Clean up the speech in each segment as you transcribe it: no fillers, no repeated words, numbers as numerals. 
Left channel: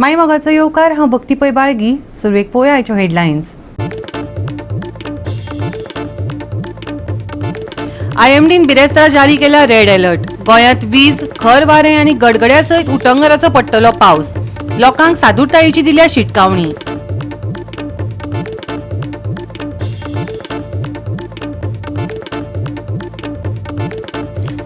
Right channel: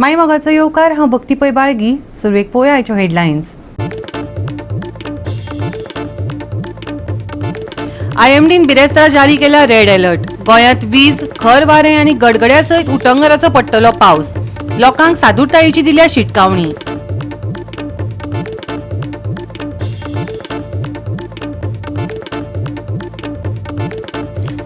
माई मोगाचो येवकार हांव भक्ती पै बाळगी. सुरवेक पळोवया आयच्यो हेडलायन्स. IMDन बिरेस्तार जारी केला रेड अलर्ट. गोंयांत वीज, खर वारें आनी गडगड्या सयत उटंगराचो पडटलो पावस. लोकांक सादूरतायेची दिल्या शिटकावणी.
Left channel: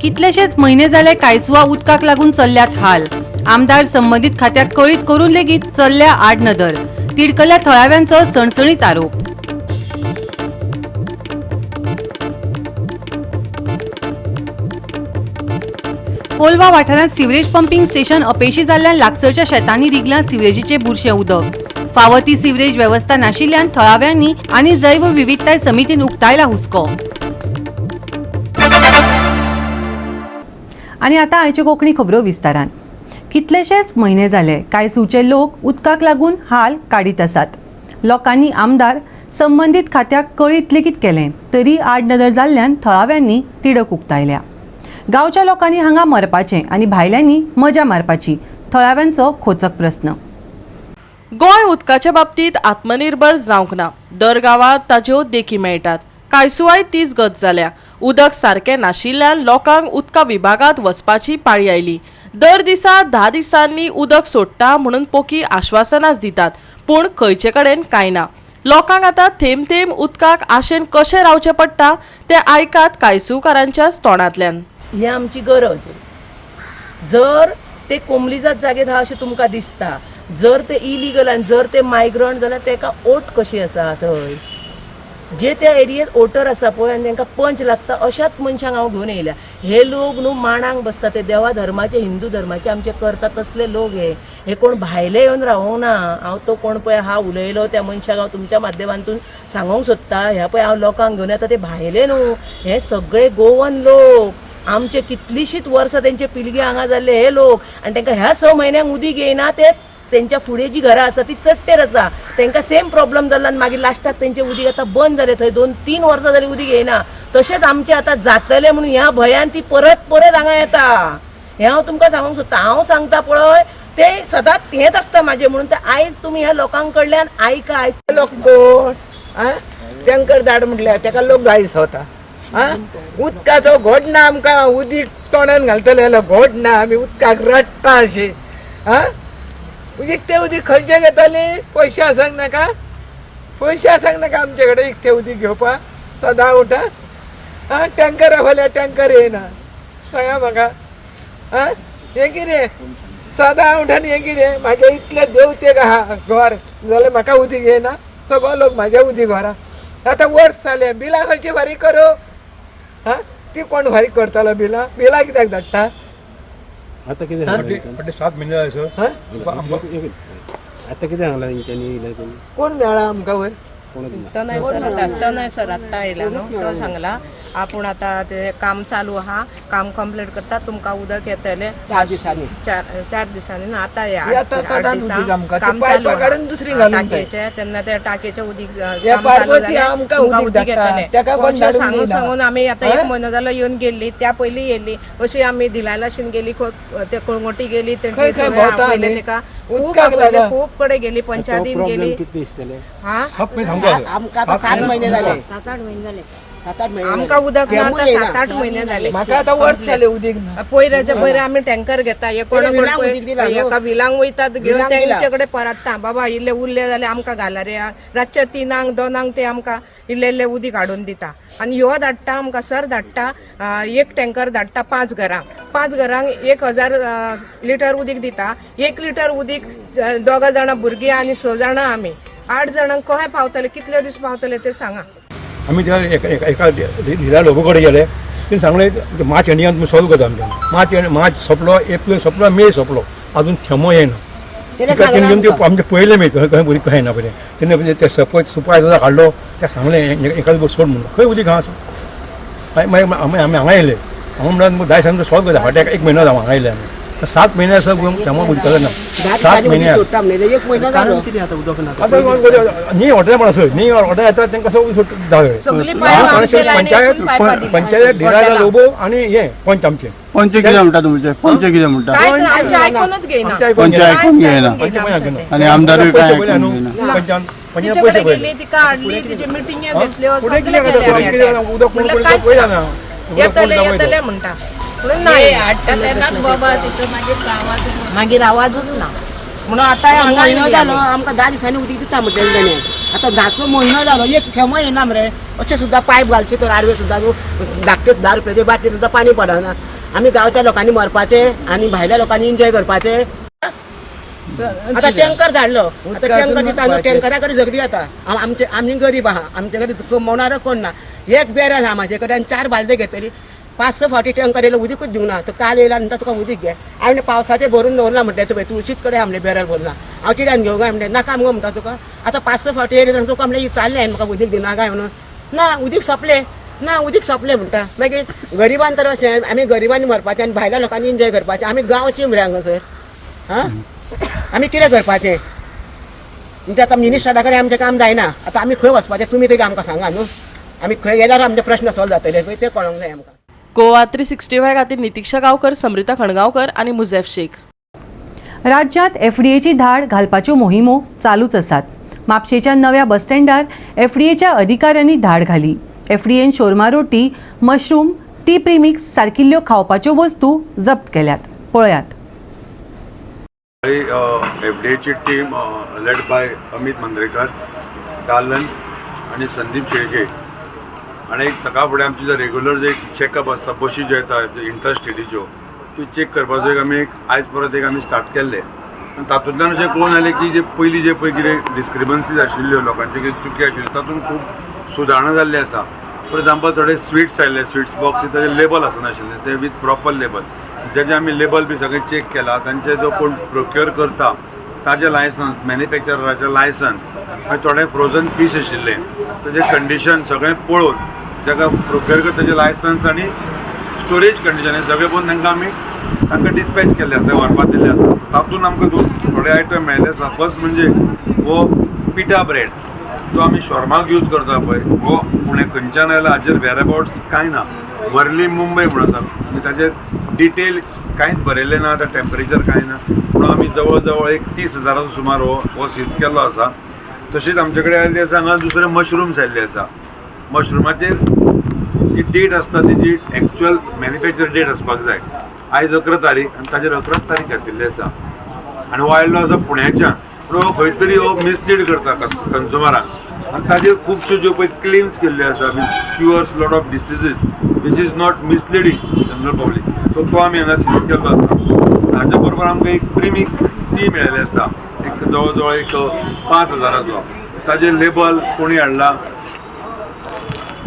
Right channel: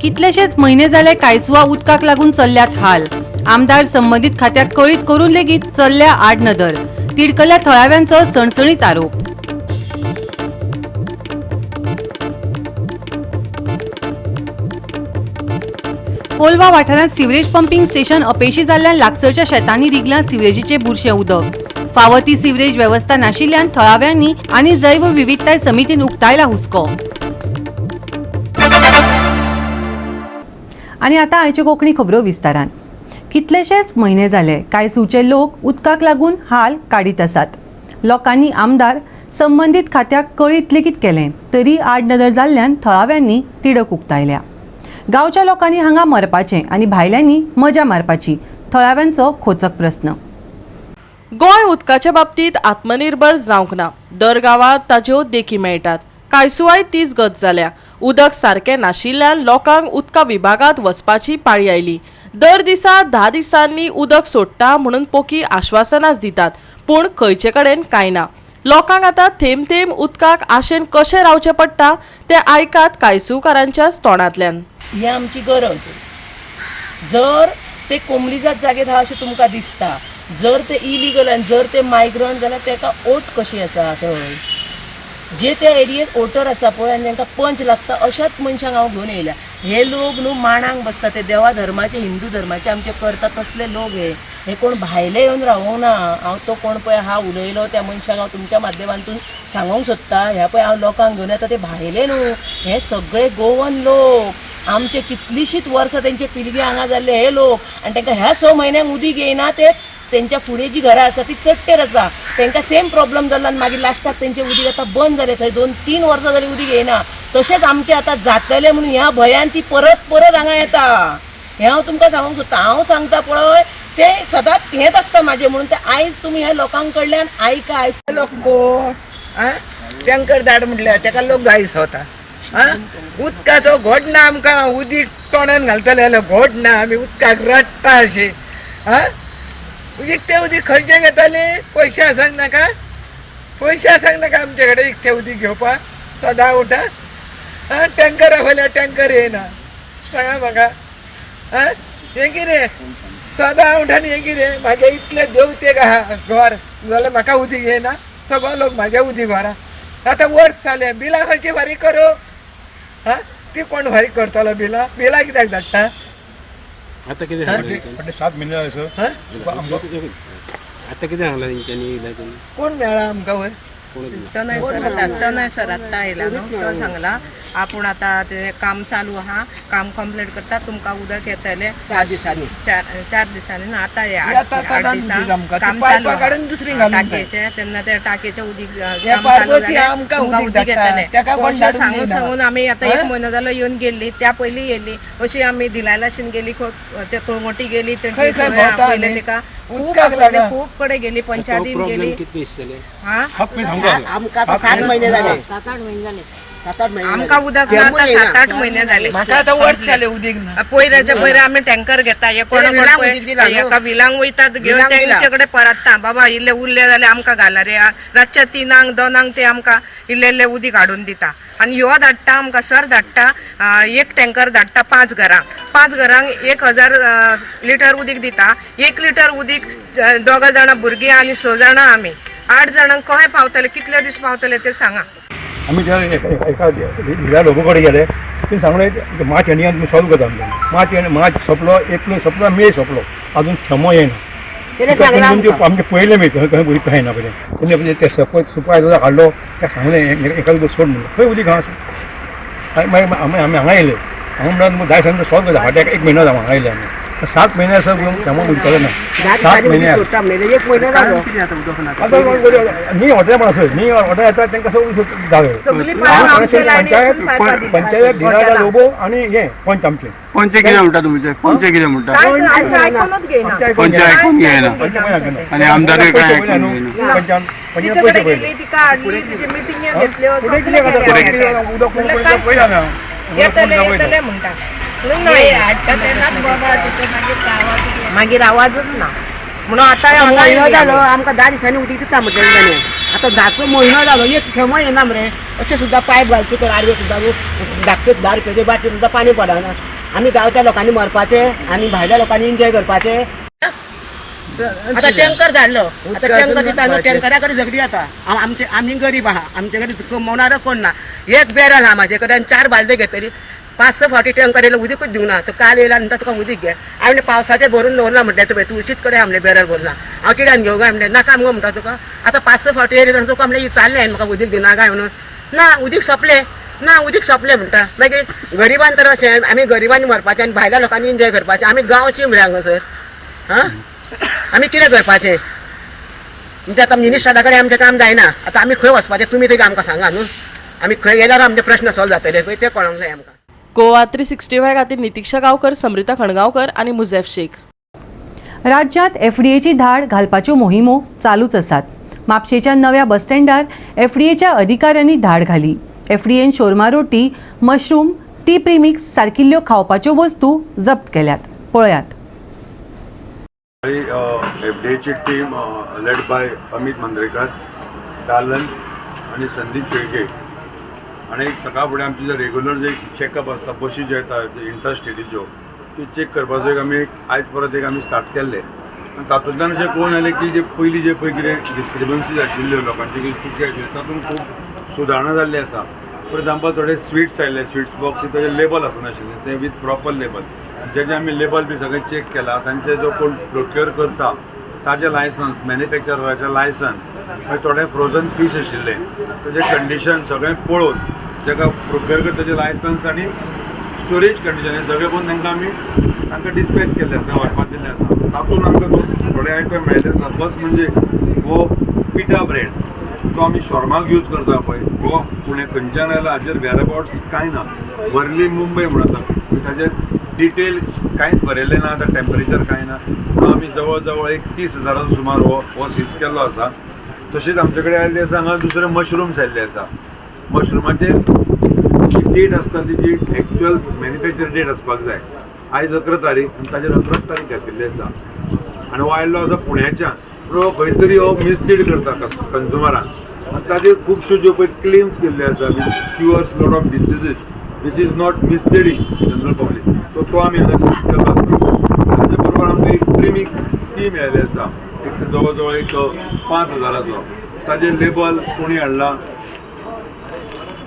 कितलेशेच म्हयने जाले कांयसुवा उदकाक लागून चल्ल्यात हाल. आमदार संबंधीत खात्याक कळीत करून लेगीत चल्ल्या आड नदर. तिडकल्या थळाव्यांचो सणसणीत आरोप. कोलवा वाठारांत सिवरेज पंपिंग स्टेशन अपेशी जाल्ल्यान लागसरच्या शेतांनी रिगलां सिवरेजीचे बुरशें उदक. फावो ती सिवरेज वेवस्था नाशिल्ल्यान थळाव्यांनी आनी जैव विविधताय समितीन उक्तायला हुस्को. आनी आतां आयच्यो कोंकणी खबरो विस्तारान. कितलेशेच म्हयने जाले कांयसूचे लोक उदकाक लागून हाल काडीत आसात. लोकांनी आमदार संबंधीत खात्याक कळीत लेगीत केलें तरी आडनदर जाल्ल्यान थळाव्यांनी तिडक उक्तायल्या. गांवच्या लोकांनी हांगा मरपाचें आनी भायल्यांनी मजा मारपाची थळाव्यांचो खोचक प्रस्न. गोंय उदकाच्या बाबतींत आत्मनिर्भर जावंक ना. दर गांवांत ताच्यो देखी मेळटात. कांयसुवाय तीच गत जाल्या. उदक सारकें नाशिल्ल्यान लोकांक उदका विभागांत वचपाची पाळी आयली. दर दिसा 10 दिसांनी उदक सोडटा म्हणून पोकी आश्वासनां दितात, पूण खंयचे कडेन कांय ना. लोकांक आतां थेंब थेंब उदकाक आशेन कशें रावचें पडटा तें आयकात कांयसूकारांच्याच तोंडांतल्यान. ही आमची गरज. जर ते कोंबलीजात जागेत हा अशें तुमकां दिसता, जर ते इलिगल आनी जर ते मायग्रंट जाल्यार तेका ओट कशी आसा थंय. जे त्या एरियेत ओटर आसा पळय आनी तांकां पंच लागता अशाच मनशांक हांव घेवन येयल्या. हे लोक न्हू मांडांक बसता, ते देवा धर्माचे हिंदू धर्माचे आमचे करता तसले लोक हे कोण भायले येवन रावूंक ना. हांव तो कोण पळय हा उलयलो त्या मनशाक हांव तुमच्या माध्यमांतून सांगूंक सोदता. ह्या पळय हांव लोकांक घेवन येता ते भायले न्हू, हे सगळे गोवन लोक. आमचे कितलीशींच वर्सां तेंचे पिलगी हांगा जाल्ले हे लोक, आनी तांकां ह्या 6 म्हयन्यांक उदीक येयना. ते तेंच्या फुडें जी घरां आसा ती चडटेर आसा, तांकां सेम प्रॉब्लेम जालो आनी मागीर लास्टाक तेंचें उदीक आतां बंद जालें. थंय 2-3 वर्सां जालीं उदीक येयना. तशेंच आमचें आतां जातलें म्हणून ह्या भंयान ती परत हांगा येता. हें हांव तुमकां सांगूंक सोदता. हांव सांगता पळय ते सदांच हेंच आसता म्हाजें म्हणून. ते आयज तुमी ह्या लोकांक कडल्यान आयका. आयज लोक कोण टँकर धाड म्हटल्यार ताका लोक जायस वता. उदकाचो घोट ना आमकां. उदीक तोंडान घालतले जाल्यार घोट ना. आमी उदकाक रडटा अशें. उदीक ते उदीक खंयचे घेताले? पयशे आसांक नाका. पयशे आसांक नाका आमचे कडेन ते उदीक घेवपाक. सदां उठा टँकर आफाल्यार टँकर येयना. सांगा म्हाका हें कितें? सदां उठान हें कितें? म्हाजे इतले देवतेक आहा घर जाल्यार म्हाका उदीक येयना. सगळो लोक म्हाजे उदीक व्हरा. आतां वर्स जालें. बिलां खंयची फारीक करूं? ती कोण फारीक करतलो बिलां? बिलां कित्याक धाडटा? आता किती 7 महिने जाले सर. आता किती सांगला तेंच्यांनी? कोण मेळ्ळा आमकां वयर? तो नाही सर आत्ता आयला न्हू. तो सांगला आपूण आतां ते काम चालू आहा, काम कंप्लीट करता, तुमकां उदक येतलें 4 दिसांनी. 4 दिसांनी ना. आतां 8 दिसां काम चालू आहा टाकयेचें. तेन्ना त्या टाकयेचें उदीक काम चालू जालें तुमकां उदीक येतलें. सांगून आमी आतां 1 म्हयनो जालो येवन गेल्ली. त्या पयलीं येयल्ली अशी आमी धिलायलाशीन गेली, ते कळंगोटी गेली, पयलें तेका खूब कडेन गेली, पंचायतीन गेली. आमकां 7 महिने जाले. आमकां उदक ना आतां 7-8 महिने जाले. म्हाका आतां वर्स जालें उदीक ना. पयरे आमी टँकर घेता. एका विलांक वयतात घेवन तेंचे कडेन परतता. बाबा इल्ले उरले जाल्यार आमकां घाला रे. रातचे 3 2 ते आमकां इल्ले उदीक हाडून दिता. आनी ह्यो धाडटा आमकां सर धाडटा. 1 टँकर धाडटा 5 घरांक. 5 घरांक 1000 लिटर उदीक दिता. 1 लिटर उदीक 2 जाणां भुरगीं आनी 6 जाणां आमी 8 जाणांक कशें पावतले? कितले दीस पावतले ते सांगा. आम्ही त्या एका धिरा लोकांकडे गेले. तुम्ही सांगले मार्च एंडिंगान तुम्ही सॉल्व करता. मार्च सोंपलो, एप्रिल सोंपलो, मे सोंपलो, अजून थेंबो येना. आमचे पयले मे खंय उदीक काय ना पळय. तेन्ना ते सुपायझर हाडलो. त्या सांगले एका सोड म्हणून खंय उदीक आहा. मागीर आमी हांगा येयले. हांगा म्हणून 10 दिसांनी सॉल्व करता. फाटल्याक 1 म्हयनो जालो हांगा येयले आमी. 7 महिने असं केव्हा उदकालें ना 7 म्हयन्यार आता न्ही वॉटर पण असं न्ही वॉटर येता तांकां सगळं धाडलं सगळी पायपां आमचे लायनी असून पायपां दिली. पंचायत ढिरा लोबो आणि हे पंच आमचे पंचे कितें म्हणटा तुमचे पंचे कितें म्हणटा काय तर आमचे आयकूनच घेयना. पंचे आयकून घेयना आणि आमदारय काय आयकून घेयना तिचे कडेन गेली, तिका हाडली, तिचे मिटिंगे घेतल्यो, सगळे केले. म्हणलं काय येतले म्हणटा. म्हणून नाही हाडटा तेन्नाच बाबा तिचे मागीर आवाजूच ना म्हणून आतां हांगा म्हयनो जालो आमकां 10 दिसांनी उदीक दिता म्हटलें आतां 10चो म्हयनो जालो एक थेंबो येना मरे अशें सुद्दां पायप घालचे तर आडवे सुद्दां धाकटे 10 रुपयाचे बाटली सुद्दां पाणी पडना आमी गांवच्या लोकांनी मरपाचे आनी भायल्या लोकांनी एन्जॉय करपाचे आतां टँकर धाडलो आतां टँकर दिता टँकरा कडेन झगडी जाता आमी गरीब आहा आमचे कडेन कमवणारो कोण ना एक बॅरल आहा म्हाजे कडेन 4 बालदे घेतली 5-6 फावटी टँकर येयलो उदीकूच दिवना तो काल येयला म्हणटा तुका उदीक घे हांवें पावसाचें भरून दवरला म्हणटा तुवें तुळशीत कडेन आमलें बॅरल भरना हांव कित्याक घेवं काय म्हणलें नाका मगो म्हणटा तुका आतां 5-6 फावटी येयले तुका म्हणलें विचारलें हांवें म्हाका उदीक दिना काय म्हणून ना उदीक सोंपलें ना उदीक सोंपलें म्हणटा मागीर गरिबान तर अशें आमी गरिबांनी मरपाचें आनी भायल्या लोकांनी एन्जॉय करपाचें आमी गांवची मरे हांगासर हां आमी कितें करपाचें म्हणजे आतां मिनिस्टरा कडेन आमचें काम जायना आतां आमी खंय वचपाचें तुमी तरी आमकां सांगा न्हू आमी खंय गेल्यार आमचे प्रश्न सॉल्व जातले खंय ते कळोंक जाय आमकां गोवा 365 खातीर नितिक्षा गांवकर, समृता खणगांवकर आणि मुझेफ शेख. राज्यात एफडीएची धाड घालपाच्यो मोहिमो चालूच आसात. म्हापशेच्या नव्या बस स्टँडार एफडीएच्या अधिकाऱ्यांनी धाड घाली. एफडीएन शोरमा रोटी, मशरूम, टी प्रीमिक्स सारकिल्ल्यो खावपाच्यो वस्तू जप्त केल्यात. पळयात. एफडीएची टीम लेड बाय अमित मंद्रेकर, दालन आणि संदीप शेळके आणि एक सकाळ फुडें आमचे जे रेग्युलर जे चॅकअप आसता बशी ज्यो येता इंटरस्टेटीच्यो त्यो चॅक करपाचो एक आमी आयज परत एक आमी स्टार्ट केल्ले आनी तातूंतल्यान अशें कळून आयलें की जे पयलीं जे पळय कितें डिस्क्रिपन्सीज आशिल्ल्यो लोकांचे कितें चुकी आशिल्ल्यो तातूंत खूब सुदारणा जाल्ली आसा. फॉर एग्जाम्पल थोडे स्वीट्स आयले स्वीट्स बॉक्स ताजे लेबल आसनाशिल्ले ते विथ प्रॉपर लेबल जेजे आमी लेबल बी सगळें चॅक केला तांचे जो कोण प्रोक्युअर करता ताजें लायसन्स मॅन्युफॅक्चराचें लायसन्स मागीर थोडे फ्रोजन फीश आशिल्ले ताजें कंडिशन सगळें पळोवन ताका प्रोक्युअर करता ताजें लायसन्स आनी स्टोरेज कंडिशन हे सगळें पळोवन तांकां डिस्पॅच केल्ले आसा व्हरपाक दिल्ले आसा. तातूंत आमकां थोडे आयटम मेळिल्ले आसा. फर्स्ट म्हणजे हो पिठा ब्रेड जो आमी शॉर्माक यूज करता पळय हो पुणे खंयच्यान आयला हाजेर वेराबाउट्स कांय ना. वर्ली मुंबय म्हणून आसा ताजेर डिटेल कांयच बरयल्लें ना आतां टेम्परेचर कांय ना पूण आमी जवळ जवळ एक 30,000 सुमार हो सीज केल्लो आसा. तशीच आमचे कडेन आयिल्ली आसा हांगा दुसरे मशरूम्स आयिल्ले आसा. मशरूमाचेर जी डेट आसता तेजी एक्चुअल मॅन्युफॅक्चर डेट आसपाक जाय. आयज 11 तारीख आनी ताजेर 11 तारीख घातिल्ली आसा आनी हो आयिल्लो आसा पुण्याच्यान पूण हो खंय तरी हो मिसलीड करता कन्झ्युमरांक आनी ताजेर खुबश्यो ज्यो पळय क्लेम्स केल्ल्यो आसा which cures lot of diseases which is not misleading general public so तो आमी हांगा सीज केल्लो आसा. ताचे बरोबर आमकां एक प्रिमिक्स टी मेळिल्ली आसा एक जवळ जवळ एक 5,000 ताजेर लेबल कोणी हाडला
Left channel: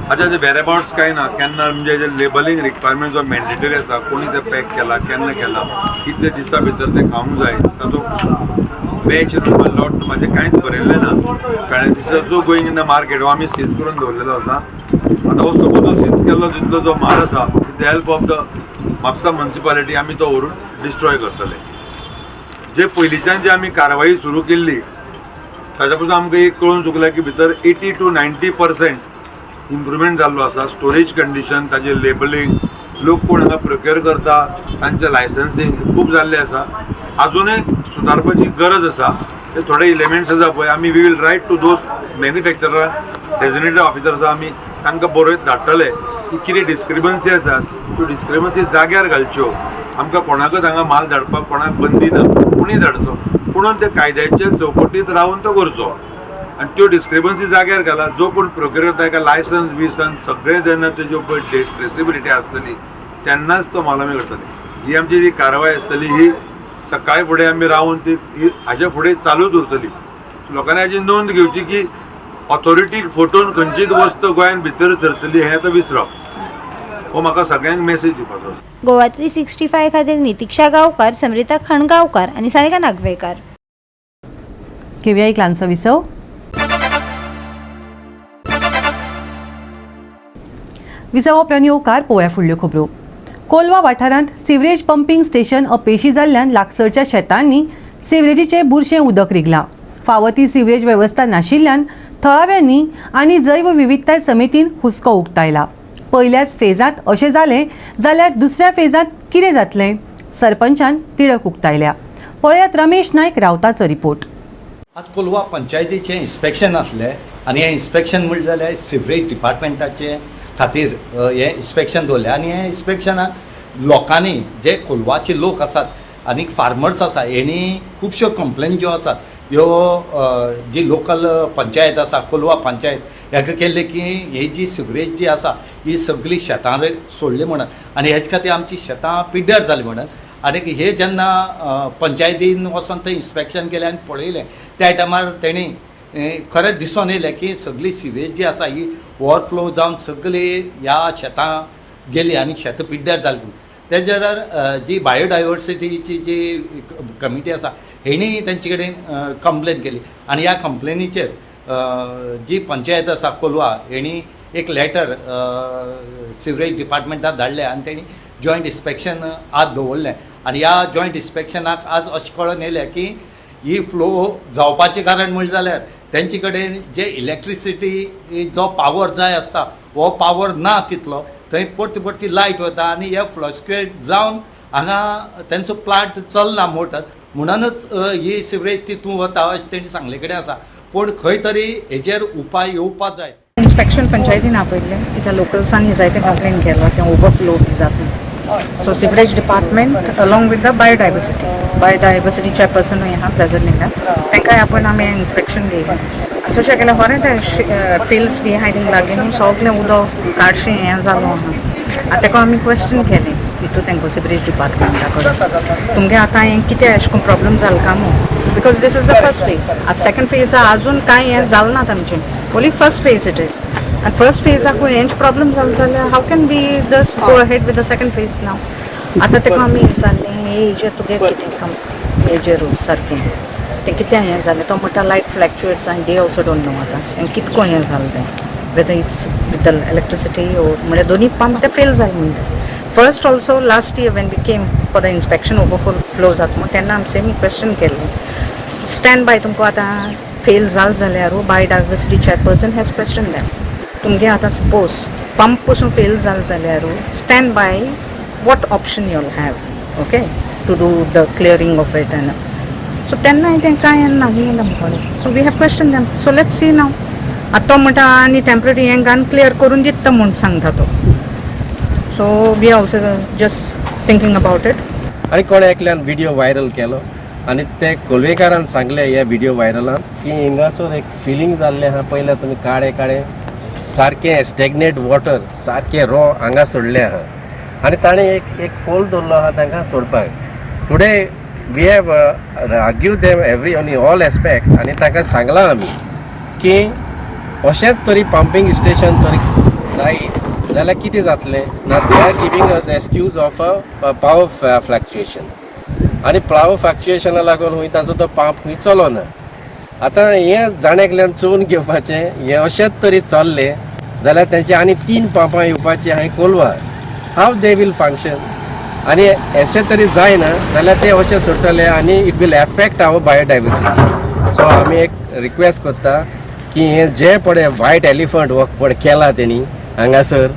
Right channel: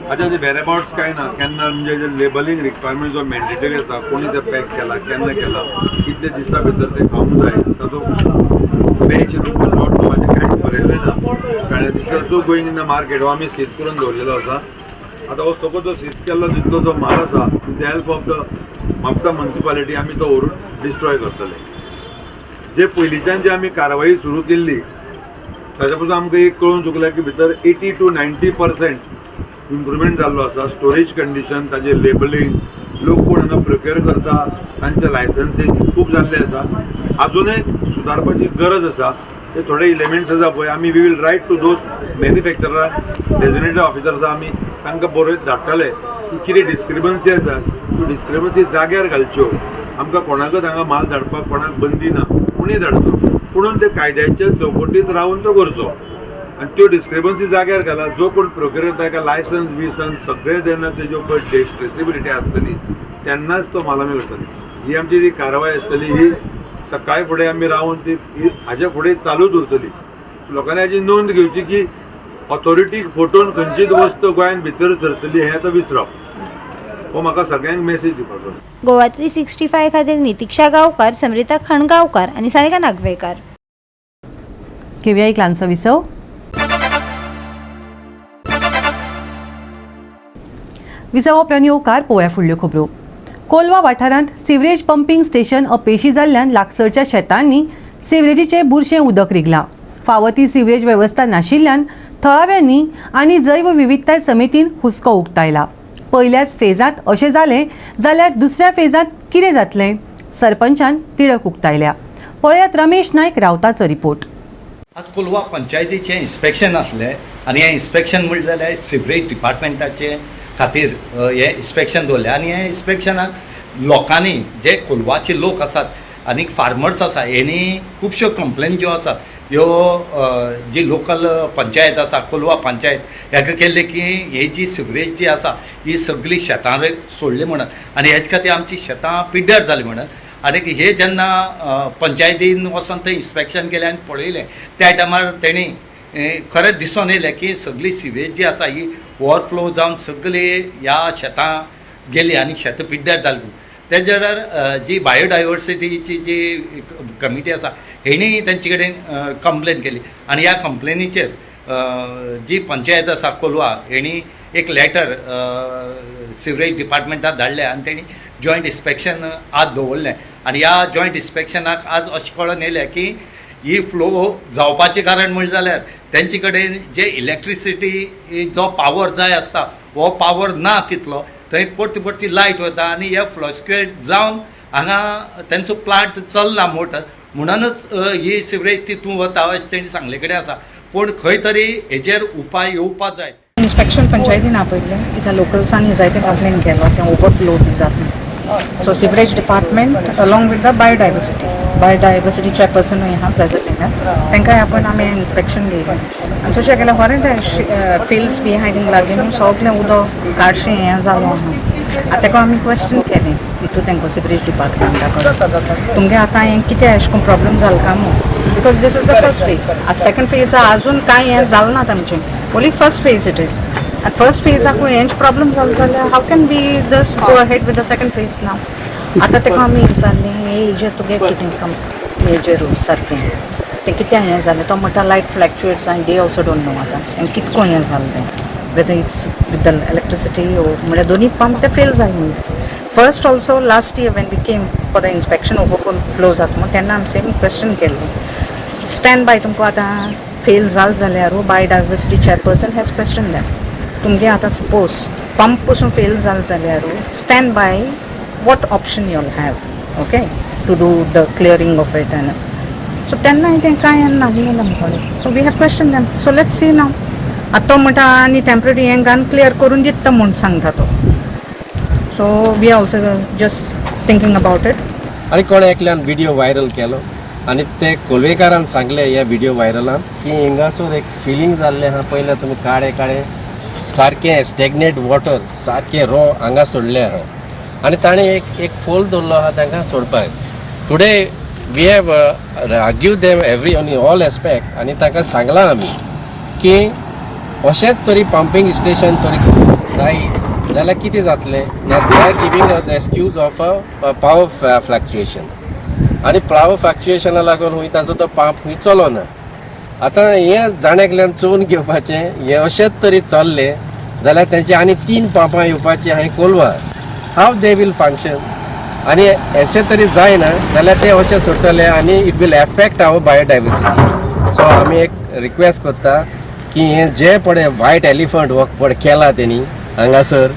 हाचे जे वेराबाउट्स कांय ना केन्ना म्हणजे जे लेबलींग रिक्वायरमेंट जो मॅन्डेटरी आसा कोणी ते पॅक केला केन्ना केला कितले दिसा भितर ते खावंक जाय तातूंत बॅच नंबर लॉट नंबराचें कांयच बरयल्लें ना. कळ्ळें दिसाचो गोईंग इन द मार्केट हो आमी सीज करून दवरलेलो आसा. आतां हो सपोज तो सीज केल्लो जितलो जो म्हाल आसा with the help of the Mapusa municipality आमी तो व्हरून डिस्ट्रॉय करतले. जे पयलींच्यान जी आमी कारवाई सुरू केल्ली ताच्या पासून आमकां एक कळून चुकलें की भितर 80 to 90% इम्प्रुवमेंट जाल्लो आसा. स्टोरेज कंडिशन ताजें लेबलींग लोक कोण हांगा प्रोक्युअर करता तांचे लायसन्सींग खूब जाल्लें आसा. अजुनूय सुदारपाची गरज आसा. ते थोडे एलिमेंट्स आसा पळय आमी we will write to those manufacturer designated officers आमी तांकां बरयत धाडटले की कितें डिस्क्रिपन्सी आसात त्यो डिस्क्रिपन्सी जाग्यार घालच्यो. आमकां कोणाकच हांगा माल धाडपाक कोणाक बंदी ना कोणीय धाडचो पुणून ते कायद्याच्या चौकटींत रावन तो करचो आनी त्यो डिस्क्रिपन्सी जाग्यार घाला. जो कोण प्रोक्युअर करता ताका लायसन्स विसन्स सगळें जेन्ना तेज्यो पळय ट्रेसेबिलिटी आसतली तेन्नाच तो माल आमी करतली. ही आमची जी कारवाय आसतली ही सकाळी फुडें आमी रावन ती हाजे फुडें चालूच उरतली. लोकांनी हाची नोंद घेवची की ऑथॉरिटीक फटोवन खंयचीच वस्त गोंयांत भितर सरतली हें आतां विसरप. हो म्हाका सगळ्यांक मेसेज दिवपाचो. गोवा 365 खातीर नितिक्षा गांवकार, समृता खणगांवकार आणि सानिका नागवेकर. घेवया एक ल्हानसो विसव. विसव उपरांत येवकार पळोवया फुडल्यो खबरो. कोलवा वाठारांत सिवरेज पंपिंग स्टेशन अपेशी जाल्ल्यान लागसरच्या शेतांनी सिवरेजीचे बुरशें उदक रिगलां. फावो ती सिवरेज वेवस्था नाशिल्ल्यान थळाव्यांनी आनी जैव विविधताय समितीन हुस्को उक्तायला. पयल्याच फेजांत अशें जालें जाल्यार दुसऱ्या फेजांत कितें जातलें? सरपंचान तिडक उक्तायल्या. पळयात रमेश नायक रावताचो रिपोर्ट. आज कोलवा पंचायतीचें इन्स्पेक्शन आसलें आनी हें इन्स्पेक्शन म्हणलें जाल्यार सिवरेज डिपार्टमेंटाचे खातीर हें इन्स्पेक्शन दवरलें आनी हे इन्स्पेक्शनाक लोकांनी जे कोलवाचे लोक आसात आनी फार्मर्स आसा हेणी खुबश्यो कंप्लेन ज्यो आसात ह्यो जी लोकल पंचायत आसा कोलवा पंचायत हेका केल्ले की ही जी सिवरेज जी आसा ही सगळी शेतां सोडली म्हणून आनी हेचे खातीर आमची शेतां पिड्ड्यार जाली म्हणून. आनी हे जेन्ना पंचायतीन वचून थंय इन्स्पेक्शन केलें आनी पळयलें त्या टायमार तेणी खरेंच दिसून येयलें की सगळी सिवेज जी आसा ही ओवरफ्लो जावन सगळी ह्या शेतां गेली आनी शेतां पिड्ड्यार जाली. तेजेर जी बायोडायवर्सिटीची जी कमिटी आसा हेणी तेंचे कडेन कंप्लेन केली आनी ह्या कंप्लेनीचेर जी पंचायत आसा कोलवा हेणी एक लेटर सिवरेज डिपार्टमेंटाक धाडलें आनी तेणी जॉयंट इन्स्पेक्शन आज दवरलें आनी ह्या जॉयंट इन्स्पेक्शनाक आज अशें कळोन येयलें की ही फ्लो जावपाचें कारण म्हणलें जाल्यार तेंचे कडेन जे इलेक्ट्रिसिटी जो पावर जाय आसता हो पावर ना तितलो. थंय परती परती लायट वता आनी हे फ्लस्क्युएट जावन हांगा तेंचो प्लांट चलना मोटर म्हणूनच ही सिवरेज तितून वता अशें तेणी सांगले कडेन आसा. पूण खंय तरी हेजेर उपाय येवपाक जाय. इन्स्पेक्शन पंचायतीन आपयल्लें कित्याक लोकल्सांनी जायते कंप्लेन केलो की ओवरफ्लो बी जाता. So sewerage department along with the biodiversity chairperson ह्या प्रेजेंट हिंगा तांकां आपण आमी इन्स्पेक्शन दिलें आनी तशें केलें खरें ते फिल्ड्स बी आहाय थिंग लागीं सगळें उदक काडशें हें जालो आहा. आतां ताका आमी क्वेश्चन केलें हितू तांकां सिवरेज डिपार्टमेंटा कडेन तुमगे आतां हें कितें अशें करून प्रॉब्लम जालो काय म्हणून because this is the first phase. आतां सेकंड फेज अजून कांय हें जालें ना तांचें only first phase it is. आनी फर्स्ट फेजाक हेंच प्रॉब्लम जालो जाल्यार how can be just go ahead with the second phase now. आतां ताका आमी विचारलें हेजेर तुगे कितें हेजेर सारकें तें कितें हें जालें तो म्हणटा लायट फ्लॅक्च्युएट्स आनी डे ऑल्सो डोंट नो आतां आनी कितको हें जालें तें whether it's with the electricity म्हणल्यार दोनी पंप ते फेल जाले म्हणलें. First also last year when we came for the inspection overflow जाता म्हणून तेन्ना आमी सेम क्वेश्चन केल्लें स्टँड बाय तुमकां आतां फेल जाल जाल्यार biodiversity chairperson has question that तुमगे आतां सपोज पंप पसून फेल जाल जाल्यार stand by what option you'll have okay to do the clearing of it and so तेन्ना तें कांय ना म्हणून so we have question them. So let's see now आतां तो म्हणटा आनी टेम्पररी हें घालून क्लियर करून दिता म्हूण सांगता तो. So we are also just thinking about it. आनी कोणे एकल्यान व्हिडिओ व्हायरल केलो आनी ते कोलवेकारान सांगले ह्या व्हिडिओ व्हायरलान की हिंगासर एक फिलींग जाल्लें आहा पयलें तुमी काळे सारकें स्टॅग्नेट वॉटर सारकें रो हांगा सोडलें आहा आनी ताणें एक फोल दवरलो आहा तांकां सोडपाक. Today we have argue them every on all aspect आनी तांकां सांगलां आमी की अशेंच तरी पंपींग स्टेशन तरी जाय जाल्यार कितें जातलें ना they are giving us excuse of a power fluctuation आनी पावर फ्लॅक्च्युएशना लागून हूंय ताचो तो पंप हूंय चलोना. आतां हें जाण्याकल्यान चोवन घेवपाचें हें अशेंच तरी चल्लें जाल्यार तेंचे आनी 3 पंपां येवपाचीं हांवें कोलवा हाव दे वील फंक्शन आनी अशें तरी जायना जाल्यार ते अशें सुट्टले आनी it will affect our biodiversity. So आमी एक रिक्वेस्ट करता की हें जें पळय व्हायट एलिफंट हो पळय केला तेणी हांगासर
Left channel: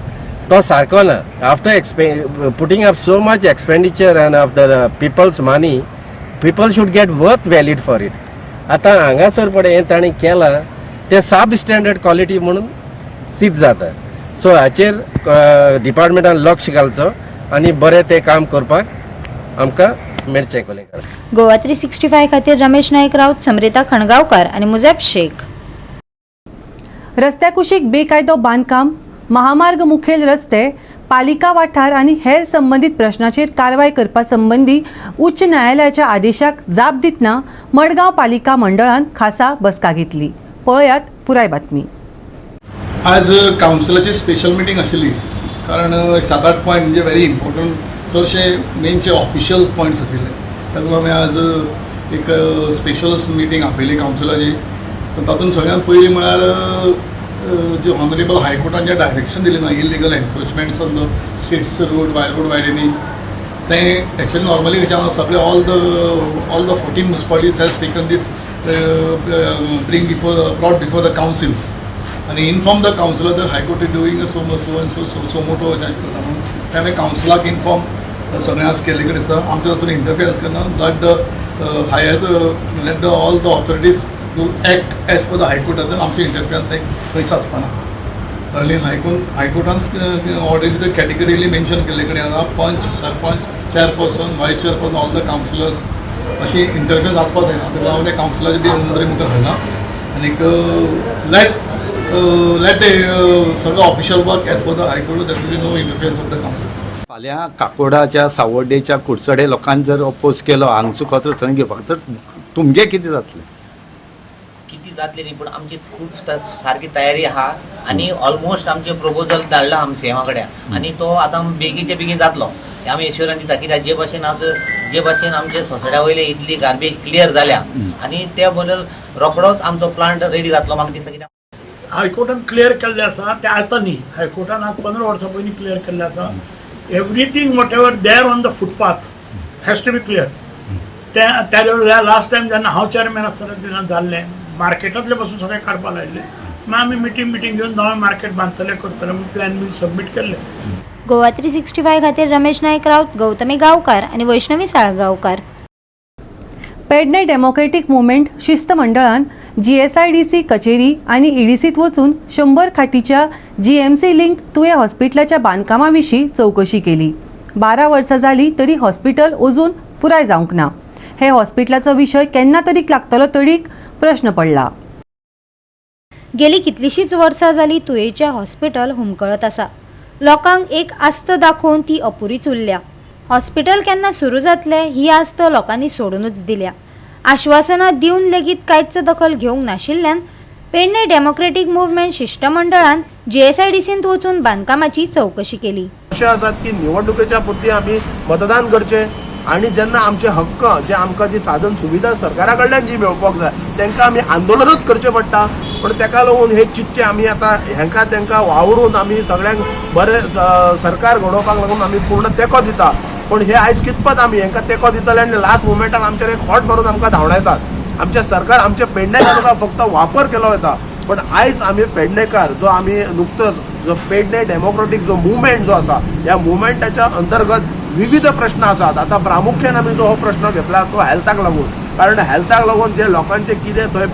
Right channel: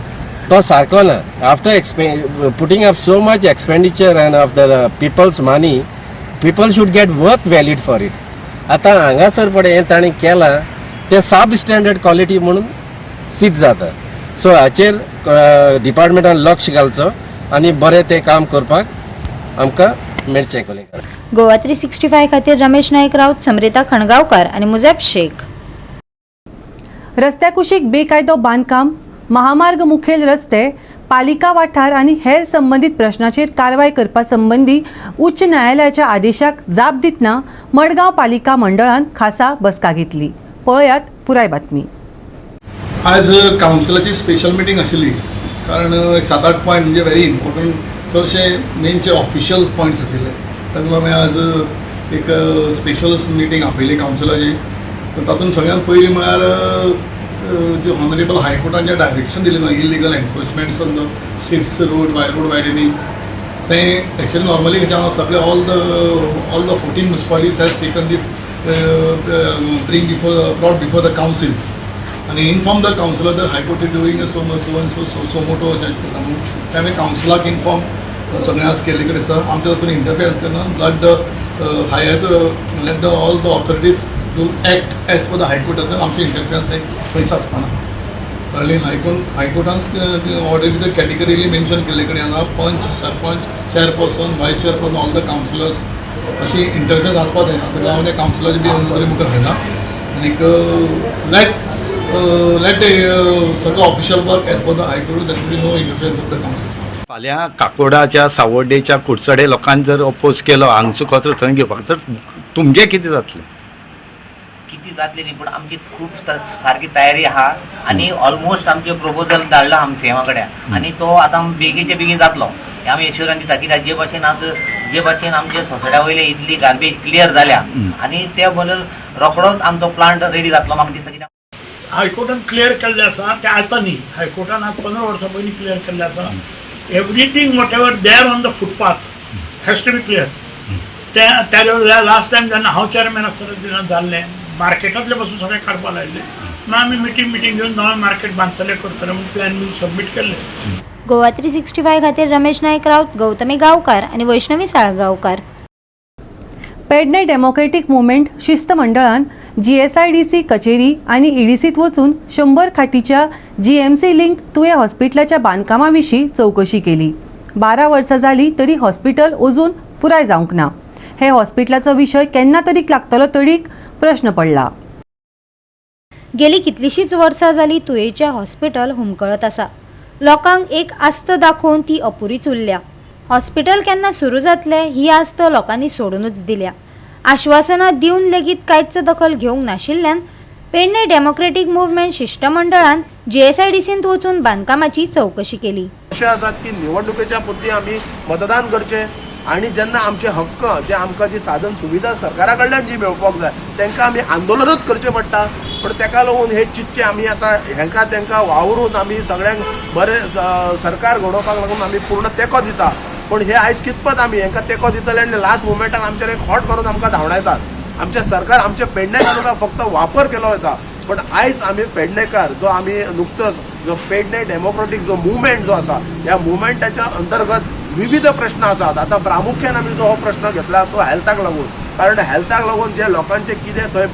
तो सारको ना. After putting up so much expenditure and of the peoples money people should get worth valid for it. आतां हांगासर पळय हें ताणें केलां तें सब स्टँडर्ड क्वॉलिटी म्हणून सिद्ध जाता. सो हाचेर डिपार्टमेंटान लक्ष घालचो आनी बरें तें काम करपाक आमकां मेळचें कोलेकार. गोवा 365 खातीर रमेश नायक राऊत, समरिता खणगांवकार आनी मुजेब शेख. रस्त्या कुशीक बेकायदो बांदकाम, महामार्ग मुखेल रस्ते, पालिका वाठार आनी हेर संबंधीत प्रश्नाचेर कारवाय करपा संबंधी उच्च न्यायालयाच्या आदेशाक जाप दितना मडगांव पालिका मंडळान खासा बसका घेतली. पळयात पुराय बातमी. आज कावन्सिलाची स्पेशल मिटींग आशिल्ली कारण 7-8 पॉयंट म्हणजे व्हेरी इम्पॉर्टंट चडशे मेनचे ऑफिशियल पॉयंट्स आशिल्ले ताका लागून आज एक स्पेशल मिटींग आपयली कावन्सिलाची. तातूंत सगळ्यात पयलीं म्हळ्यार जे ऑनरेबल हायकोर्टान जे डायरेक्शन दिलें ना illegal encroachments on the streets road widening तें एक्चुअली नॉर्मली कशें सगळे all the 14 municipalities has taken these brought before the councils आणि inform the councillor that high court is doing suo motu अशें करता म्हणून ते हांवें काउन्सिलाक इन्फॉर्म सगळ्यांक केल्ले कडेन आसा आमच्या तातूंत इंटरफियरन्स करना let the all the authorities to act as per the हायकोर्टान आमचे इंटरफियरन्स ते खंयच आसपाना अर्ली हायकोर्टान ऑलरेडी द कॅटेगरीली मेन्शन केल्ले कडेन आसा panch sarpanch chairperson vice chairperson all the councillors अशी इंटरफियरन्स आसपाक जायना ताका लागून त्या काउन्सिलाची बी नदरे मुखार हाडला आनीक लेट सगळो official work as per the high court that will be no interference of the council. फाल्यां काकोडाच्या सावर्डेच्या कुडचडे लोकांनी जर अपोज केलो हांगचो कचरो थंय घेवपाक तर तुमगे कितें जातलें? किती जातली न्ही पूण आमची खूब सारकी तयारी आहा आनी ऑलमोस्ट आमचे प्रपोजल धाडला आमी सीएमा कडेन आनी तो आतां बेगीचे बेगीन जातलो हे आमी एश्युरन्स दिता कित्याक जे भाशेन आमचे सोसायट्या वयले इतली गार्बेज क्लियर जाल्या आनी त्या बद्दल रोखडोच आमचो प्लांट रेडी जातलो म्हाका दिसता. कित्याक हायकोर्टान क्लियर केल्लें आसा तें आतां न्ही हायकोर्टान आज 15 वर्सां पयलीं क्लियर केल्लें आसा everything whatever there on the footpath has to be clear. त्या लास्ट टायम जेन्ना हांव चेअरमॅन आसतना तेन्ना जाल्लें मार्केटांतले पासून सगळें काडपाक लायिल्लें मागीर आमी मिटींग घेवन नवें मार्केट बांदतले करतले म्हणून प्लॅन बी सबमीट केल्ले. गोवा 365 खातीर रमेश नायक राऊत, गौतमी गांवकार आणि वैष्णवी साळगांवकार. पेडणे डेमोक्रेटीक मुवमेंट शिस्त मंडळान GSIDC कचेरी आणि EDCत वचून 100 खाटीच्या GMC लिंक तुये हॉस्पिटलाच्या बांदकामा विशीं चौकशी केली. 12 वर्सां जाली तरी हॉस्पिटल अजून पुराय जावंक ना. हे हॉस्पिटलाचो विशय केन्ना तरी लागतलो तडीक प्रश्न पडला. गेली कितलीशीच वर्सां जाली तुयेच्या हॉस्पिटल हुमकळत आसा. लोकांक एक आस्त दाखोवन ती अपुरीच उरल्या. हॉस्पिटल केन्ना सुरू जातले ही आस्त लोकांनी सोडूनच दिल्या. आश्वासनां दिवन लेगीत कांयच दखल घेवंक नाशिल्ल्यान पेडणे डेमोक्रेटीक मुवमेंट शिष्टमंडळान GSIDCत वचून बांदकामाची चौकशी केली. अशें आसात की निवडणुकेच्या पुरती आमी मतदान करचें आणि जेन्ना आमचे हक्क जे आमकां जी साधन सुविधा सरकारा कडल्यान जी मेळपाक जाय तांकां आमी आंदोलनूच करचें पडटा. पण ताका लागून हे चिंतचे आमी आतां हेंकां तांकां वावरून आमी सगळ्यांक बरें सरकार घडोवपाक लागून आमी पूर्ण तेंको दिता. पण हे आयज कितपत आमी हेंकां तेंको दितले आनी लास्ट मुमेंटार आमचेर एक खोट मारून आमकां धांवडायतात. आमचे सरकार आमचे पेडणेकारांका फक्त वापर केलो वता. पण आयज आमी पेडणेकार जो आमी नुकतोच जो पेडणे डेमोक्रेटीक जो मुवमेंट जो आसा ह्या मुवमेंटाच्या अंतर्गत विविध प्रश्न आसात. आता प्रामुख्यान आमी जो हो प्रश्न घेतला तो हेल्थाक लागून. कारण हेल्थाक लागून जे लोकांचे कितें थंय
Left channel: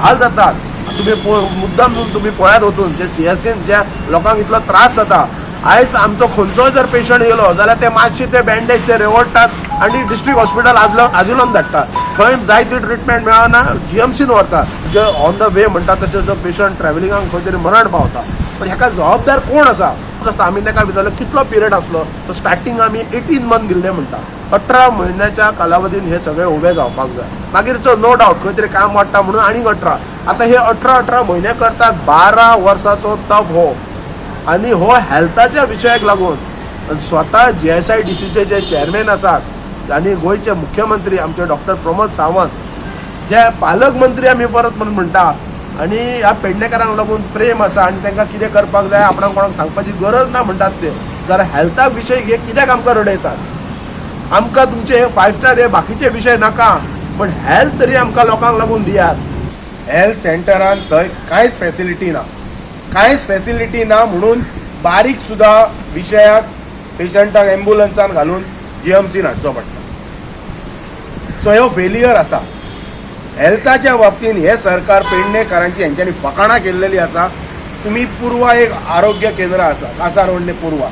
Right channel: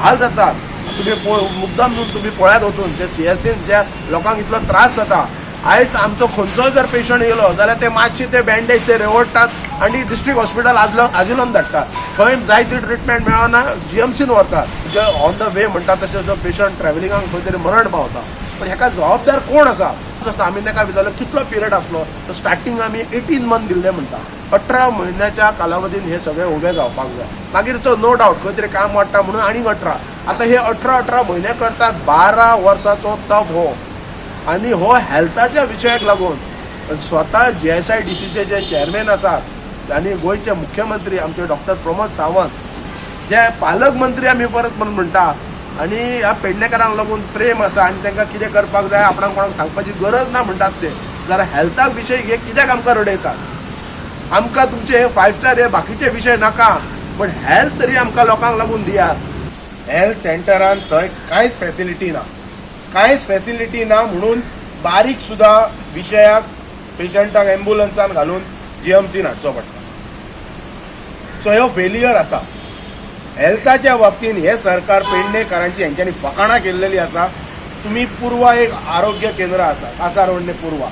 हाल जातात तुम्ही मुद्दाम तुम्ही पळयात वचून जे CSCन ज्या लोकांक इतलो त्रास जाता. आयज आमचो खंयचोय जर पेशंट येयलो जाल्यार ते मातशे ते बँडेज ते रेवडटात आनी डिस्ट्रिक्ट हॉस्पिटल आजिलोन धाडटात. थंय जाय ती ट्रिटमेंट मेळना GMCन व्हरता. जे ऑन द वे म्हणटा तशें जो पेशंट ट्रॅव्हलिंगाक खंय तरी मरण पावता. पण हेका जबाबदार कोण आसा? आमी ताका विचारलो कितलो पिरियड आसलो तर स्टार्टींग आमी 18 मंथ दिल्ले म्हणटा. 18 म्हयन्याच्या कालावधीन हे सगळे उबे जावपाक जाय. मागीर तो नो डावट खंय तरी काम वाडटा म्हणून आनीक 18. आतां हे 18 म्हयने करतात 12 वर्साचो तप हो. आनी हो हेल्थाच्या विशयाक लागून स्वता GSIDCचे जे चेअरमॅन आसात आनी गोंयचे मुख्यमंत्री आमचे डॉक्टर प्रमोद सावंत जे पालकमंत्री आमी परत म्हणटा आनी ह्या पेडणेकारांक लागून प्रेम आसा आनी तांकां कितें करपाक जाय आपणाक कोणाक सांगपाची गरज ना म्हणटात ते. जाल्यार हेल्थाक विशय हे कित्याक आमकां रडयतात? आमकां तुमचे हे 5 स्टार हे बाकीचे विशय नाका पण हेल्थ तरी आमकां लोकांक लागून दियात. हेल्थ सेंटरान थंय कांयच फॅसिलिटी ना. कांयच फॅसिलिटी ना म्हणून बारीक सुद्धा विशयाक पेशंटाक एम्ब्युलन्सान घालून GMCन हाडचो पडटा. सो ह्यो फेलियर आसा. हेल्थाच्या बाबतीन हे सरकार पेडणेकारांची हेंच्यांनी फकाणां केल्लेली आसा. तुम्ही पूर्वा एक आरोग्य केंद्र आसा कासारवडणे पूर्वा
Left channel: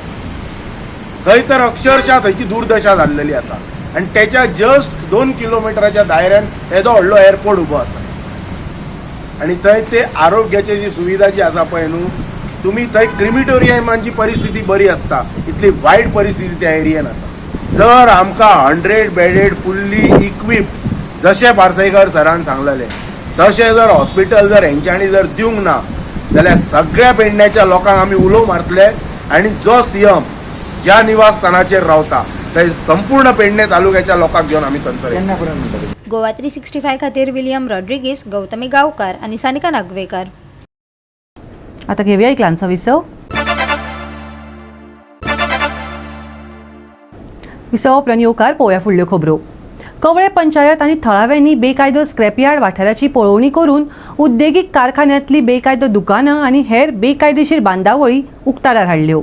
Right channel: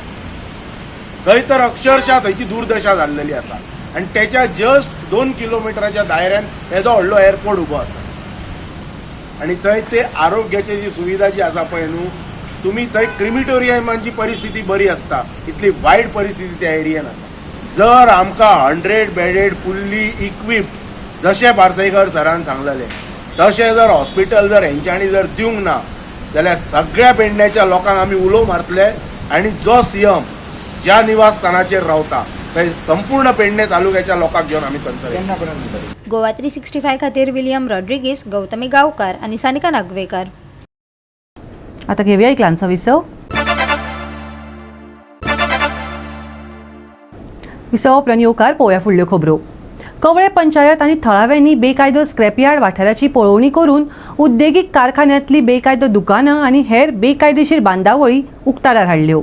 थंय तर अक्षरशः थंयची दुर्दशा जाल्लेली आसा आनी त्याच्या जस्ट 2 किलोमिटराच्या दायऱ्यान हेजो व्हडलो एअरपोर्ट उबो आसा. आनी थंय ते आरोग्याची जी सुविधा जी आसा पळय न्हू तुम्ही थंय क्रिमिटोरियमांची परिस्थिती बरी आसता इतली वायट परिस्थिती त्या एरियेन आसा. जर आमकां 100 बेडेड फुल्ली इक्विप्ड जशे पार्सेकर सरान सांगलेले तशें जर हॉस्पिटल जर हेंच्यांनी जर दिवंक ना जाल्यार सगळ्या पेडण्याच्या लोकांक आमी उलो मारतले आनी जो CM ज्या निवासस्थानाचेर रावता थंय संपूर्ण पेडणे तालुक्याच्या लोकांक घेवन आमी थंयसर. गोवा 365 खातीर विलियम रॉड्रिगीस, गौतमी गांवकार आणि सानिका नागवेकर. आता घेऊया इकलांचो विसव. विसव उपरांत येवकार पळोवया फुडल्यो खबरो. कवळे पंचायत आनी थळाव्यांनी बेकायदो स्क्रॅपयार्ड वाठाराची पळोवणी करून उद्देगीक कारखान्यांतली बेकायदो दुकानां आनी हेर बेकायदेशीर बांदावळी उक्ताडार हाडल्यो.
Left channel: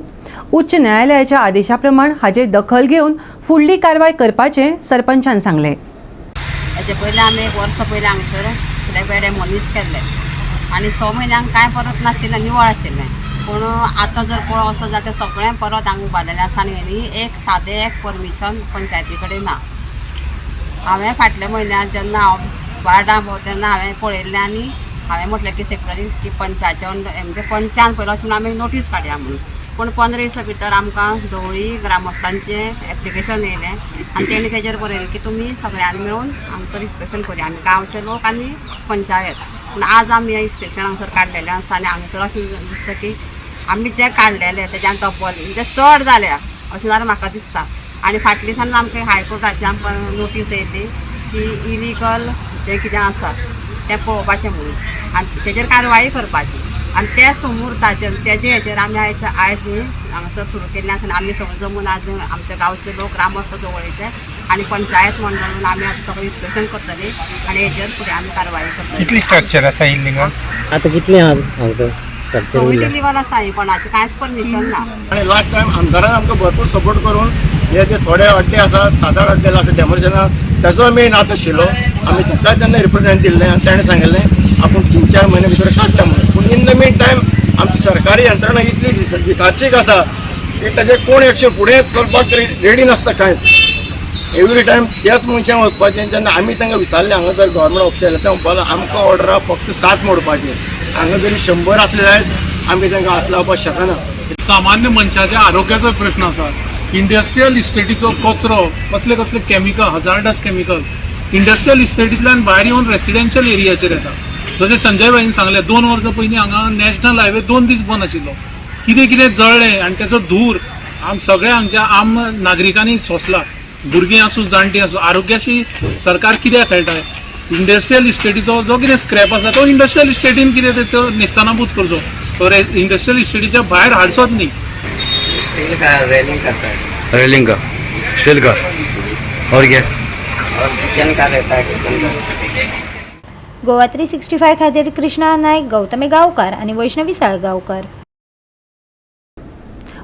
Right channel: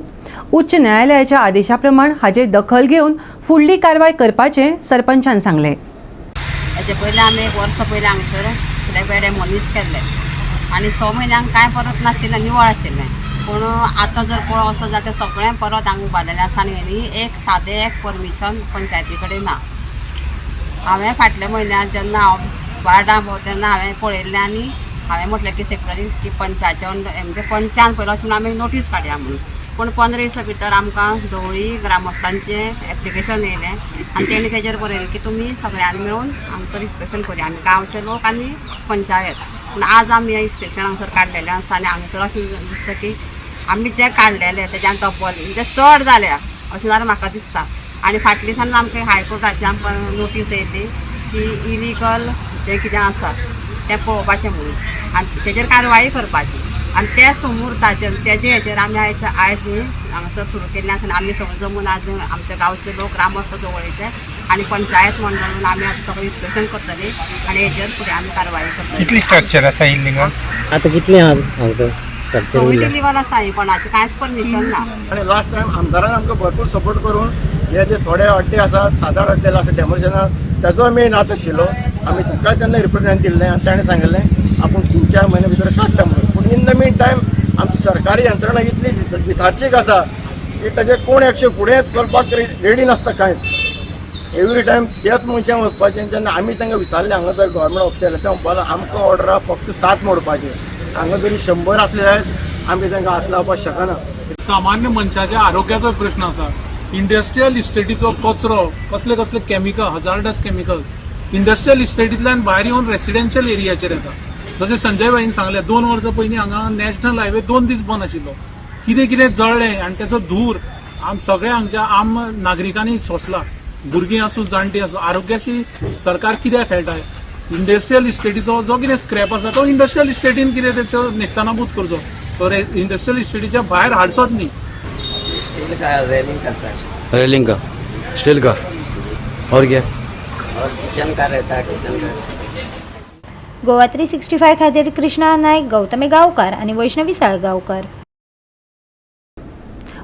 उच्च न्यायालयाच्या आदेशा प्रमाण हाजेर दखल घेवन फुडली कारवाय करपाचें सरपंचान सांगलें. हेचे पयलीं आमी 1 वर्स पयलीं हांगसर स्क्रॅपयार्ड मॉनिश केल्लें आनी 6 म्हयन्यांक कांय परत नाशिल्लें, निवळ आशिल्लें. पूण आतां जर पळोवंक वचत जाल्यार तें सगळें परत हांगा उबारलेलें आसा आनी एक सादें परमिशन पंचायती कडेन ना. हांवें फाटल्या म्हयन्यांत जेन्ना हांव वार्डां भोंव तेन्ना हांवें पळयल्लें आनी हांवें म्हटलें की सेक्रेटरी की पंचायच्या म्हणजे पंचान पयलो वचून आमी नोटीस काडया म्हणून. पूण 15 दिसां भितर आमकां धवळी ग्रामस्थांचें एप्लिकेशन येयलें आनी तेणी तेजेर बरयलें की तुमी सगळ्यांनी मेळून हांगसर इन्स्पेक्शन करुया, आमी गांवचे लोक आनी पंचायत. पूण आज आमी हें इन्स्पेक्शन हांगसर काडलेलें आसा आनी हांगसर अशें दिसता की आमी जें काडलेलें तेज्यान डब्बल म्हणजे चड जाल्या अशें जाल्यार म्हाका दिसता. आनी फाटल्या दिसांनी आमकां हायकोर्टाची आमकां नोटीस येयली की इलिगल जें कितें आसा तें पळोवपाचें म्हणून आनी तेजेर कारवाय करपाची. आनी त्या मुहूर्ताचेर तेजे हेचेर आमी आयज हांगासर सुरू केल्लें आसा. आमी सगळे जमून आज आमचे गांवचे लोक ग्रामस्थ दवळीचे आनी पंचायत मंडळ म्हणून आमी आतां सगळें इन्स्पेक्शन करतलीं आनी हेचेर फुडें आमी कारवाय करतलीं. कितली स्ट्रक्चर आसा इल्लीगल आतां कितलें आहा हांगसर सगळीं इलिगल आसा ही, कोणाचें कांयच परमिशन ना. आणि लास्ट टायम आमदारान आमकां भरपूर सपोर्ट करून हे जे थोडे अड्डे आसात 7-8 अड्डे आसा डेमोलिशनाक तेजो मेन हात आशिल्लो. आमी ताका तेन्ना रिप्रेझेंट दिल्लें आनी ताणें सांगिल्लें आपूण 3-4 म्हयने भितर काडटा म्हणून. पूण इन द मीन टायम आमची सरकारी यंत्रणा इतली भिताचीक आसा की ताजे कोण एक्शन फुडें करपाक रेडी नासता कांयच. एवरी टायम त्याच मनशान वचपाचें. जेन्ना आमी तांकां विचारलें हांगासर गव्हर्मेंट ऑफिशियल ते म्हणपाक आमकां ऑर्डर आहा फक्त 7 मोडपाचें. हांगा जरी 100 आसले जायत आमी तांकां हात लावपाक शकना. सामान्य मनशाच्या आरोग्याचो प्रश्न आसा. इंडस्ट्रियल इस्टेटीचो कचरो कसले कसले केमिकल हजार्डस केमिकल्स इंडस्ट्रियल इस्टेटींतल्यान भायर येवन रेसिडेन्शियल एरियाचेर येता. जशें संजय भाईन सांगलें 2 वर्सां पयलीं हांगा नॅशनल हायवे 2 दीस बंद आशिल्लो. कितें कितें जळ्ळें आनी तेचो धूर सगळ्या हांगच्या आम नागरिकांनी सोंसला. भुरगीं आसूं जाणटीं आसूं आरोग्याशी सरकार कित्याक खेळटाय. इंडस्ट्रियल इस्टेटीचो जो कितें स्क्रॅप आसा तो इंडस्ट्रियल इस्टेटीन कितें तेचो नेस्तानाबूत करचो. तो इंडस्ट्रियल इस्टेटीच्या भायर हाडचोच न्ही. रेलिंग का स्टील का और क्या गोवा 365 खातीर कृष्णा नायक, गौतमी गांवकार आनी वैष्णवी साळगांवकर.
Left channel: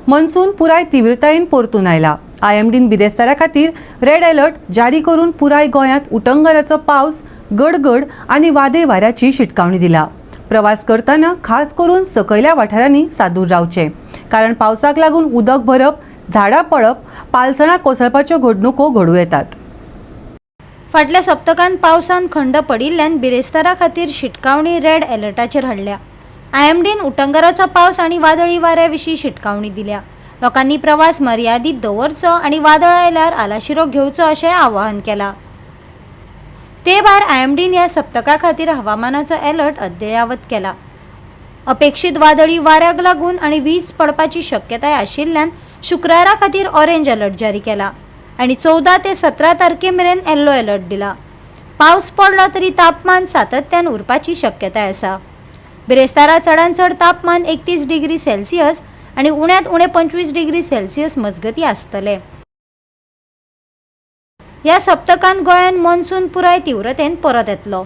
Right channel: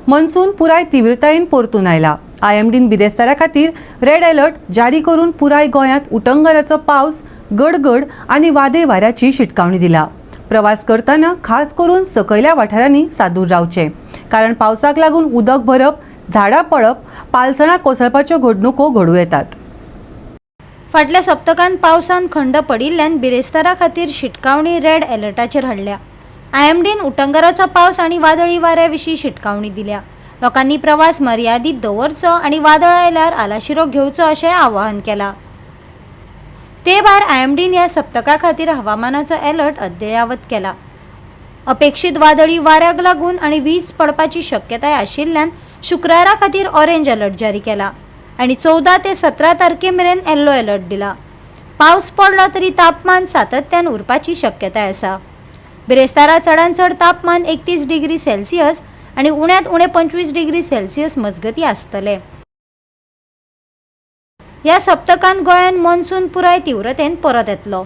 मनसून पुराय तीव्रतायेन परतून आयला. IMDन बिरेस्तारा खातीर रेड अलर्ट जारी करून पुराय गोंयांत उटंगराचो पावस, गडगड आनी वादळी वाऱ्याची शिटकावणी दिला. प्रवास करतना खास करून सकयल्या वाठारांनी सादूर रावचें, कारण पावसाक लागून उदक भरप, झाडां पडप, पालसणां कोसळपाच्यो घडणुको घडूं येतात. फाटल्या सप्तकांत पावसान खंड पडिल्ल्यान बिरेस्तारा खातीर शिटकावणी रेड अलर्टाचेर हाडल्या. IMDन उटंगराचो पावस आनी वादळी वाऱ्या विशीं शिटकावणी दिल्या. लोकांनी प्रवास मर्यादीत दवरचो आनी वादळ आयल्यार आलाशिरो घेवचो अशें आवाहन केलां. ते भायर IMDन ह्या सप्तका खातीर हवामानाचो अलर्ट अद्यावत केला. अपेक्षीत वादळी वाऱ्याक लागून आनी वीज पडपाची शक्यताय आशिल्ल्यान शुक्रारा खातीर ऑरेंज अलर्ट जारी केला आनी 14 ते 17 तारखे मेरेन येल्लो अलर्ट दिला. पावस पडलो तरी तापमान सातत्यान उरपाची शक्यताय आसा. बिरेस्तारा चडांत चड तापमान 31 डिग्री सेल्सियस आनी उण्यांत उणें 25 डिग्री सेल्सियस मजगती आसतले. ह्या सप्तकांत गोंयांत मॉन्सून पुराय तीव्रतेन परत येतलो.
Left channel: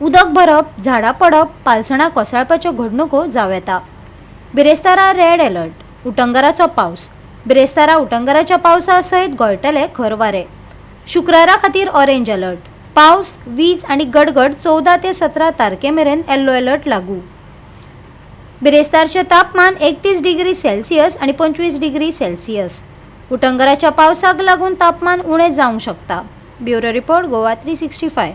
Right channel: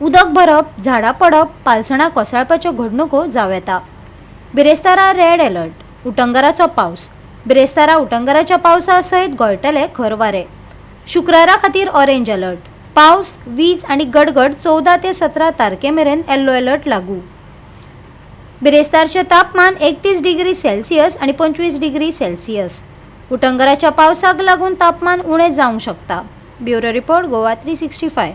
उदक भरप, झाडां पडप, पालसणां कोसळपाच्यो घडणुको जावं येता. बिरेस्तारा रेड अलर्ट. उटंगराचो पावस. बिरेस्तारा उटंगराच्या पावसा सयत गळटले खर वारे. शुक्रारा खातीर ऑरेंज अलर्ट. पावस, वीज आनी गडगड 14 ते 17 तारखे मेरेन येल्लो अलर्ट लागू. बिरेस्तारचें तापमान 31 डिग्री सेल्सियस आनी 25 डिग्री सेल्सियस. उटंगराच्या पावसाक लागून तापमान उणें जावंक शकता. Bureau report Goa 365.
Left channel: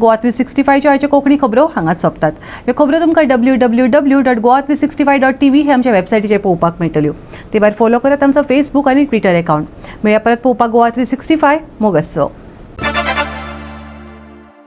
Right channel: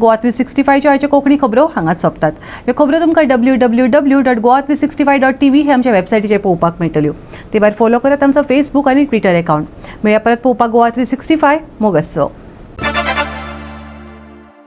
गोवा 365च्यो आयच्यो कोंकणी खबरो हांगाच सोंपतात. ह्यो खबरो तुमकां www.goa365.tv हे आमच्या वेबसायटीचेर पळोवपाक मेळटल्यो. ते भायर फॉलो करात आमचो फेसबूक आनी ट्विटर अकावंट. मेळ्या परत पळोवपाक गोवा 365. मोग आसचो.